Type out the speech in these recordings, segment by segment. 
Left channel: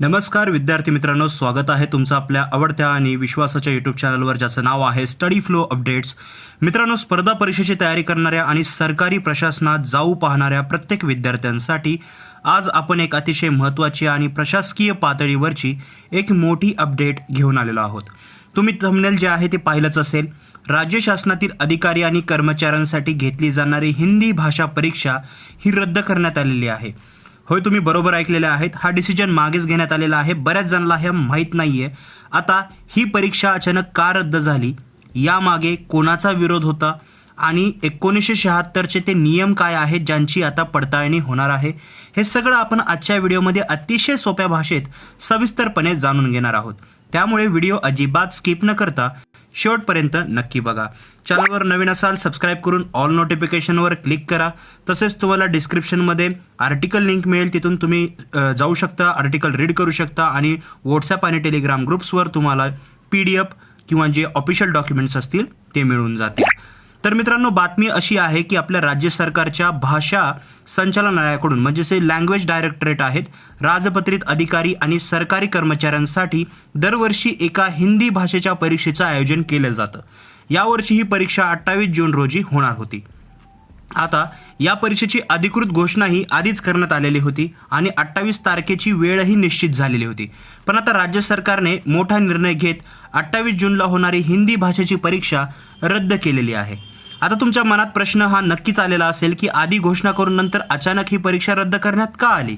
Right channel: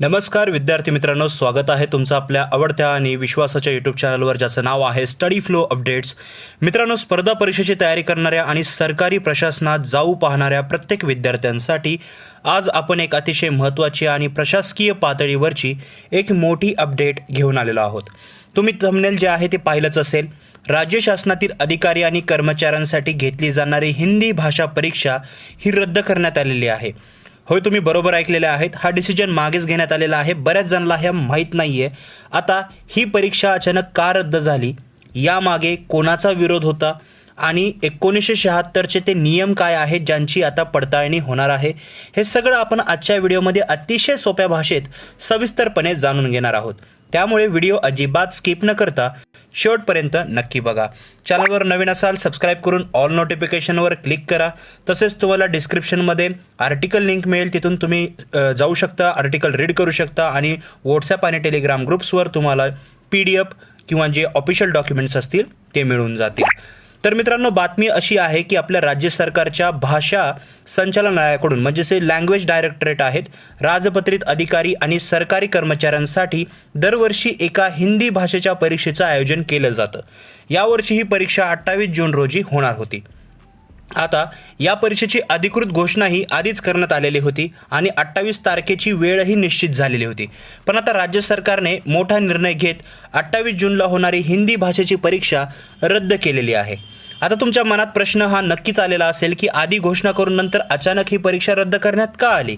नमस्कार विद्यार्थी मित्रांनो, स्वागत आहे तुमचं आपल्या आवडत्या आणि विश्वासाच्या यूट्यूब चॅनलवर, ज्याचं नाव आहे स्टडी फ्लो अपडेट्स. मित्रांनो, स्पर्धा परीक्षेची तयारी करणाऱ्या आणि सरकारी प्रशासनात जाऊ पाहणाऱ्या प्रत्येक विद्यार्थ्यांसाठी आज आपण एक अतिशय महत्त्वाची आणि प्रशासकीय पातळीवरची एक मोठी अपडेट घेऊन आलेलो आहोत. तुम्ही थंबनेल जे आहे ते पाहिलंच असेल. राज्य शासनातील अधिकारी आणि कर्मचाऱ्यांसाठी घेतली जाणारी हिंदी भाषा परीक्षा ही रद्द करण्यात आलेली आहे. होय, तुम्ही बरोबर ऐकलेले आहेत. हा डिसिजन मागेच घेण्यात आलेला आहे. बऱ्याच जणांना हे माहीत नाही आहे. आता ही परीक्षा अचानक का रद्द झाली, यामागे कोणाचा विरोध होता आणि 1976चे ते नियम काय आहेत ज्यांची आता पडताळणी होणार आहे, हे सगळं आपण आजच्या व्हिडिओमध्ये अतिशय सोप्या भाषेत सविस्तरपणे जाणून घेणार आहोत. त्यामुळे व्हिडिओ अजिबात स्किप न करता शेवटपर्यंत नक्की बघा. चॅनलवर नवीन असाल सबस्क्राईब करून ऑल नोटिफिकेशनवर क्लिक करा. तसेच तुम्हाला डिस्क्रिप्शनमध्ये आर्टिकल लिंक मिळेल, तिथून तुम्ही जाऊ शकता, आर्टिकल रीड करू शकता आणि व्हॉट्सॲप आणि टेलिग्राम ग्रुप्सवर तुम्हाला PDF किंवा जे ऑफिशियल डॉक्युमेंट्स असतील ते मिळून जातील. तर मित्रांनो, बातमी अशी आहे की आपल्या राज्य सरकारच्या भाषा संचालनालयाकडून, म्हणजेच लँग्वेज डायरेक्टरेट आहेत, राजपत्रित अधिकारी आणि सरकारी कर्मचाऱ्यांसाठी दरवर्षी एका हिंदी भाषेच्या परीक्षेचं आयोजन केलं जातं. यावर्षी ही परीक्षा 28 जून रोजी होणार होती. आता या परीक्षेची अधिकृत घोषणाही आधीच करण्यात आलेली होती आणि 28 तारखेची वेळही निश्चित झालेली होती. पण आता राज्य सरकारने मोठा निर्णय घेत 28 जूनला होणारी हिंदी भाषेची परीक्षा रद्द केलेली आहे. आता तुमच्या मनात प्रश्न हा नक्कीच आलेला असेल की आधी घोषणा करून नंतर अचानक ही परीक्षा रद्द करण्यात का आली.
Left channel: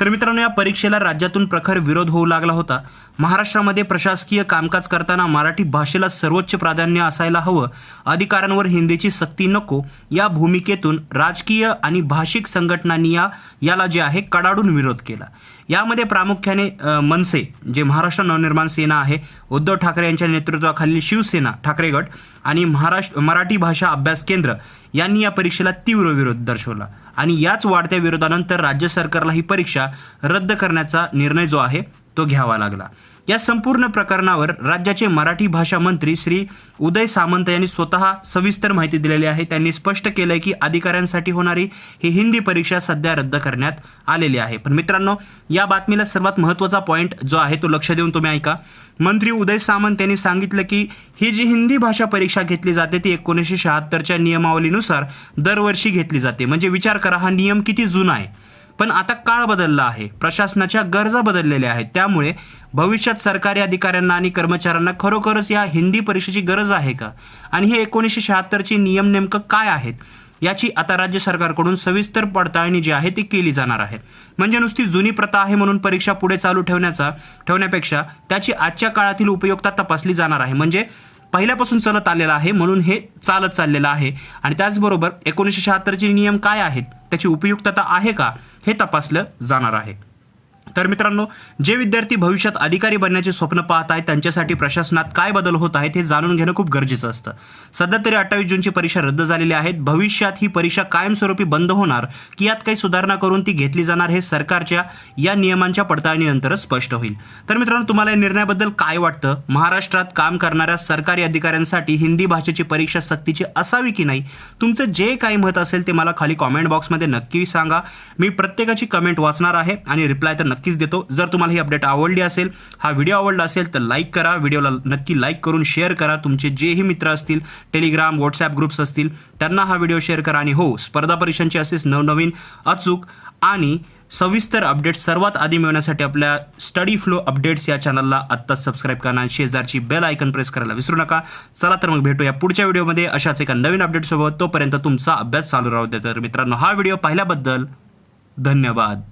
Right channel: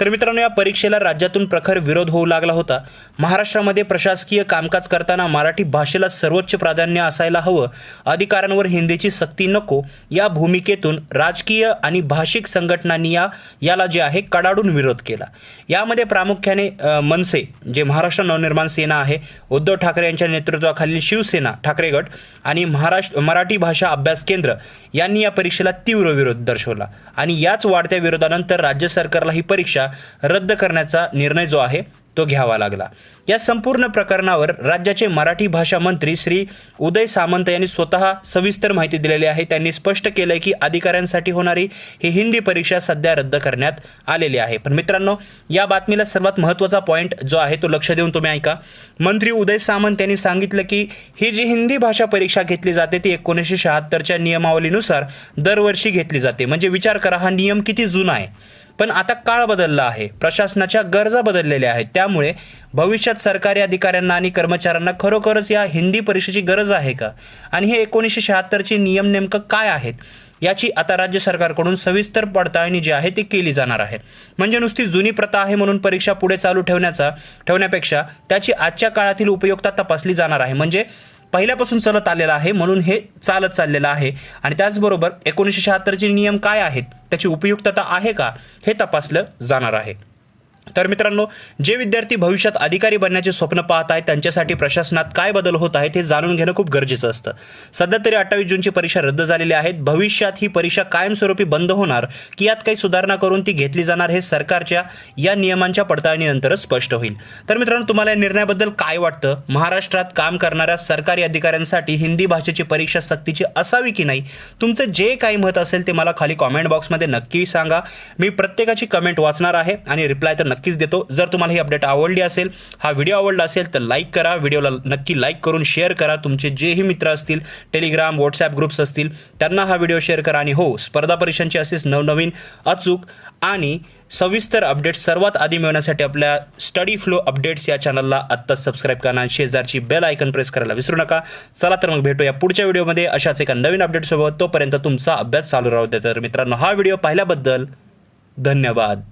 तर मित्रांनो, या परीक्षेला राज्यातून प्रखर विरोध होऊ लागला होता. महाराष्ट्रामध्ये प्रशासकीय कामकाज करताना मराठी भाषेला सर्वोच्च प्राधान्य असायला हवं, अधिकाऱ्यांवर हिंदीची सक्ती नको, या भूमिकेतून राजकीय आणि भाषिक संघटनांनी याला जे आहे कडाडून विरोध केला. यामध्ये प्रामुख्याने मनसे, जे महाराष्ट्र नवनिर्माण सेना आहे, उद्धव ठाकरे यांच्या नेतृत्वाखालील शिवसेना ठाकरे गट आणि मराठी भाषा अभ्यास केंद्र यांनी या परीक्षेला तीव्र विरोध दर्शवला आणि याच वाढत्या विरोधानंतर राज्य सरकारला ही परीक्षा रद्द करण्याचा निर्णय जो आहे तो घ्यावा लागला. या संपूर्ण प्रकरणावर राज्याचे मराठी भाषा मंत्री श्री उदय सामंत यांनी स्वतः सविस्तर माहिती दिलेली आहे. त्यांनी स्पष्ट केलंय की अधिकाऱ्यांसाठी होणारी ही हिंदी परीक्षा सध्या रद्द करण्यात आलेली आहे. पण मित्रांनो, या बातमीला सर्वात महत्त्वाचा पॉईंट जो आहे तो लक्ष देऊन तुम्ही ऐका. मंत्री उदय सामंत यांनी सांगितलं की ही जी हिंदी भाषा परीक्षा घेतली जाते ती 1976च्या नियमावलीनुसार दरवर्षी घेतली जाते. म्हणजे विचार करा, हा नियम किती जुना आहे. पण आता काळ बदलला आहे, प्रशासनाच्या गरजा बदललेल्या आहेत. त्यामुळे भविष्यात सरकारी अधिकाऱ्यांना आणि कर्मचाऱ्यांना खरोखरच या हिंदी परीक्षेची गरज आहे का, आणि हे 1976चे नियम नेमकं काय आहेत, याची आता राज्य सरकारकडून सविस्तर पडताळणी जी आहे ती केली जाणार आहे. म्हणजे नुसती जुनी प्रथा आहे म्हणून परीक्षा पुढे चालू ठेवण्यापेक्षा त्याची आजच्या काळातील उपयुक्तता तपासली जाणार आहे. म्हणजे पहिल्यापासून चालत आलेलं आहे म्हणून हे चालत चाललेलं आहे, आणि त्याचबरोबर 1976चे नियम काय आहेत, त्याची उपयुक्तता आहे का, हे तपासलं जाणार आहे. तर मित्रांनो, जे विद्यार्थी भविष्यात अधिकारी बनण्याचे स्वप्न पाहत आहेत त्यांच्यासाठी प्रशासनात काय बदल होत आहेत हे जाणून घेणं खूप गरजेचं असतं. सध्या तरी 28 जूनची परीक्षा रद्द झालेली आहे. भविष्यात ही परीक्षा कायमस्वरूपी बंद होणार की यात काही सुधारणा करून ती घेतली जाणार हे सरकारच्या या नियमांच्या पडताळणीनंतरच स्पष्ट होईल. तर मित्रांनो, तुम्हाला या निर्णयाबद्दल काय वाटतं? महाराष्ट्रात काम करणाऱ्या सरकारी अधिकाऱ्यांसाठी हिंदी भाषेची परीक्षा सक्तीची असावी की नाही? तुमचं जे काही मत असेल ते मला खाली कॉमेंट बॉक्समध्ये नक्की सांगा. मी प्रत्येकाची कमेंट वाचणार आहे आणि रिप्लाय तर नक्कीच देतो. जर तुम्हाला ही अपडेट आवडली असेल, हा व्हिडिओ आवडला असेल तर लाईक करा. व्हिडिओला नक्की लाईक करून शेअर करा. तुमचे जेही मित्र असतील, टेलिग्राम व्हॉट्सॲप ग्रुप्स असतील, त्यांना हा व्हिडिओ शेअर करा. आणि हो, स्पर्धा परीक्षांची असेच नवनवीन अचूक आणि सविस्तर अपडेट्स सर्वात आधी मिळवण्यासाठी आपल्या स्टडी फ्लो अपडेट्स या चॅनलला आत्ताच सबस्क्राईब करा आणि शेजारची बेल आयकन प्रेस करायला विसरू नका. चला तर मग भेटूया पुढच्या व्हिडिओमध्ये अशाच एका नवीन अपडेटसोबत. तोपर्यंत तुमचा अभ्यास चालू राहू द्या. तर मित्रांनो, हा व्हिडिओ पाहिल्याबद्दल धन्यवाद.